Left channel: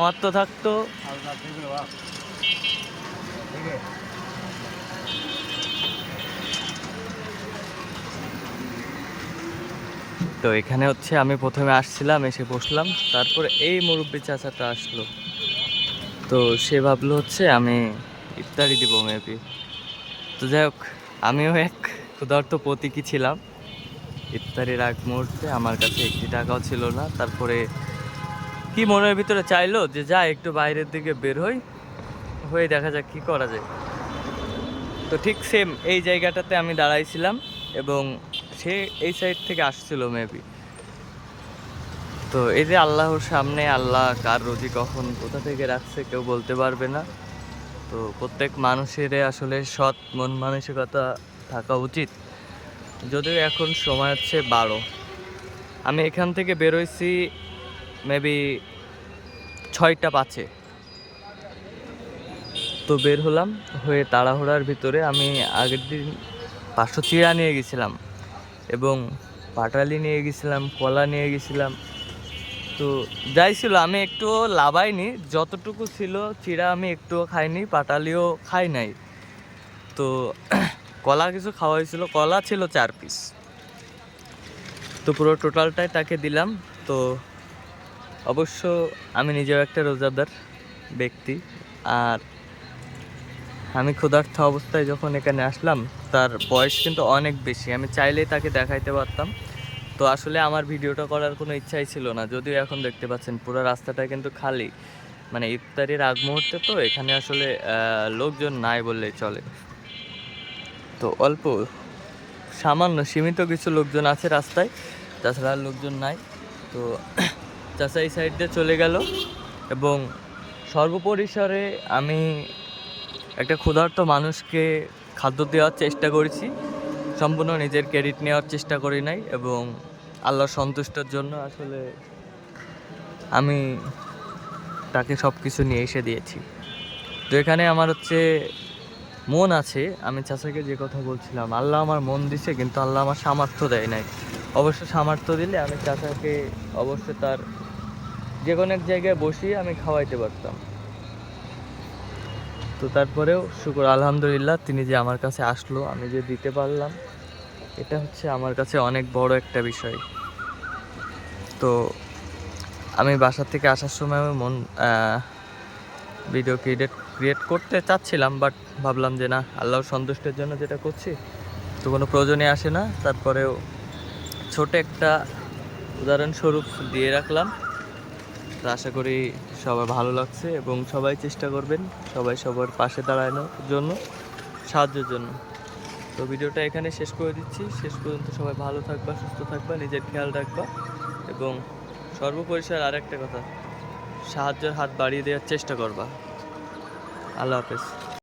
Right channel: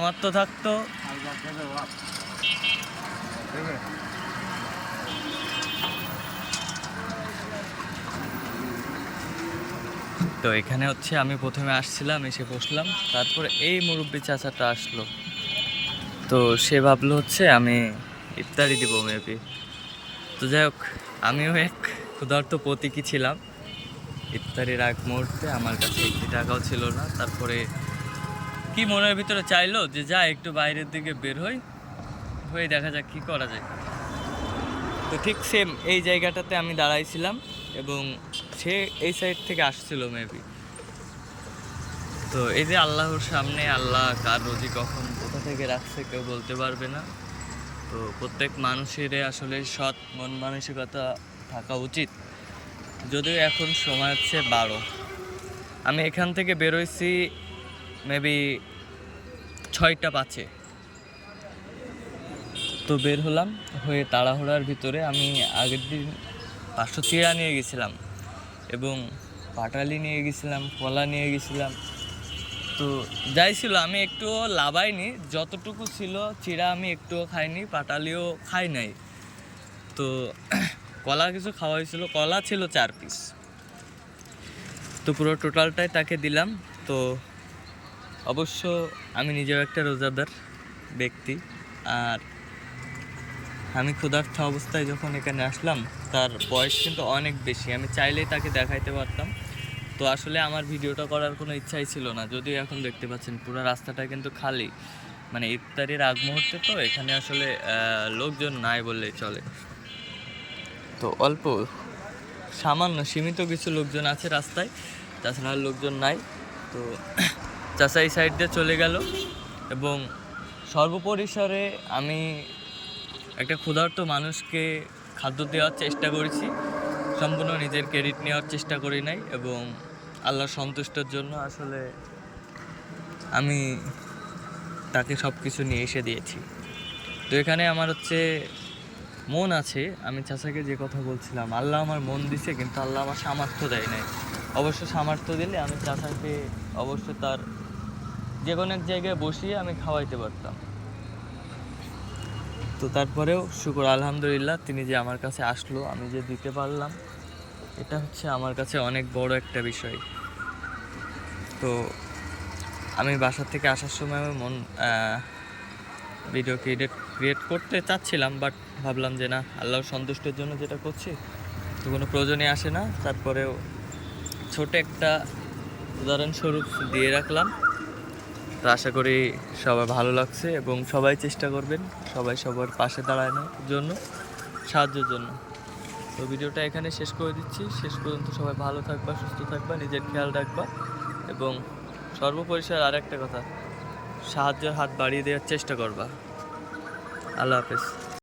আমার তো থাকতো তো এখানে হচ্ছে আমি প্রথমে আসছিলাম, এসে বসলাম, তারপরে এই মুরব্বী চাচাটা আসলো। তো সে ভাবলো হচ্ছে আমি ইফতারি দিব মেবি। তো যাই হোক, আমিও এক ক্ষুধার্ত প্রতীকী ছিলাম। ইফতারির আগ মুহূর্তে আমার কাছে একটি টাকাও ছিল না। তারপরে কি মনের ভিতরে চাইলো যে যা একটু বাইরের দিকে বের হয়ে দেখা যাক কি করা যায়। তো ঠিক সেম এই জায়গাটাতে আমি দাঁড়াইছিলাম এবং সে এই সাইড থেকে আসছিল মেবি। তো এই যে আল্লাহর সামনে, আল্লাহ কার রুজি কখন কোথা থেকে রাখছে কেউ বলতে পারবে না। তো প্রত্যেক মানুষের আসলে সৎ মন মানসিকতা থাকা উচিত। যদিও এখন সময় হচ্ছে 12, আমি এখান থেকে বেরোইছি মেবি 6টা 5-এ। তো বের হলাম হয়ে তাড়াহুড়ার ভিতরে আমি আগের দিন 500 চিড়া নিয়ে গেছিলাম এবং পাটালি নিয়ে গেছিলাম, কলা নিয়ে গেছিলাম। তো যাই ছিল আমি একটুও লাভাইনি, যতটুকু ছিল চিড়া আমি একটুও খাইনি, পাটালিও খাই নাই। তো কলা কিছু খাওয়া হয়েছিল, কলা ছিল 4 পিস। তো পুরো টোটালটাই তাকে দিলাম। তো অবশ্য আমি নিজেও একটা রোজাদার ব্যক্তি, আর আমি ক্ষুধার্ত অবস্থায় যখন এখানে আসলাম, তার বয়স কিন্তু অনেক বেশি, আমি চাইলেই তাকে দেখাইতে পারতাম। তো আসলে আমার ভিডিওটা করার কোনো ইচ্ছাই ছিল না, যদিও এখন দেখতে পাচ্ছেন পুরো রাস্তাটা কিন্তু খালি, মানে ইফতারির আগ মুহূর্তে তো এখানে আসলে লোকজন নাই বললেই চলে। তো অল্প সামান্য সীমিত কিছু লোকজন আছে রাস্তায়, তাছাড়া লোকজন নাই। তো চাচা এই সাইড দিয়ে চলে গেল এবং সর্বপরিসরে আমি একটা ক্ষুধার্ত মানুষকে খাদ্য দেওয়ার চেষ্টা করেছি, সম্পূর্ণ নিজের ক্রেডিট নেওয়ার চেষ্টা করি নাই। এবং আল্লাহর সন্তুষ্টের জন্য আসলে আমি তাকে সব কিছু নিয়ে এসে দিয়েছি। তো এখানে আমার হচ্ছে মন আছে, আমি চাচাকে যে কথা বলছিলাম, আল্লাহ আমার মন দিছে কিন্তু আল্লাহ আমার সামর্থ্য দেয় নাই। অবশ্য সামর্থ্য দিলে আমি চাচাকে অবশ্য তার যে কোনো এক জায়গায় বসিয়ে আমি খাওয়াইতে পারতাম। তো তারপরেও শুকর আলহামদুলিল্লাহ, তিনি যে আমার কাছে আসলো, আমি যে দিতে পারলাম, এটা হচ্ছে আমার কাছে অনেক বড় একটা বিষয়। তো আমি বাসা থেকে আসার সময় আমি ভিডিও ক্রিয়েট করতে চাচ্ছিলাম, বাট ভাবলাম যে না, আল্লাহর সন্তুষ্টের জন্য যেটা করছি তো কোনো প্রয়োজনই আসে না। তারপরেও ছোট একটা উদাহরণস্বরূপ দিয়ে রাখলাম। তো আশা করি সবার ভালো লাগছে এবং সবাই চেষ্টা করবেন সবাই সবার পাশে দাঁড়ানোর জন্য, সাহায্যের জন্য। তো ভিডিওটা এখানে শেষ করে দিচ্ছি। শেষ পর্যন্ত সবাই ভালো থাকবা, সুস্থ থাকবা, নিজের খেয়াল রাখবা এবং সর্বোপরিসর আর একটা কথা, সাহায্যের হাত বাড়িয়ে দেওয়ার চেষ্টা করবা। আল্লাহ হাফেজ।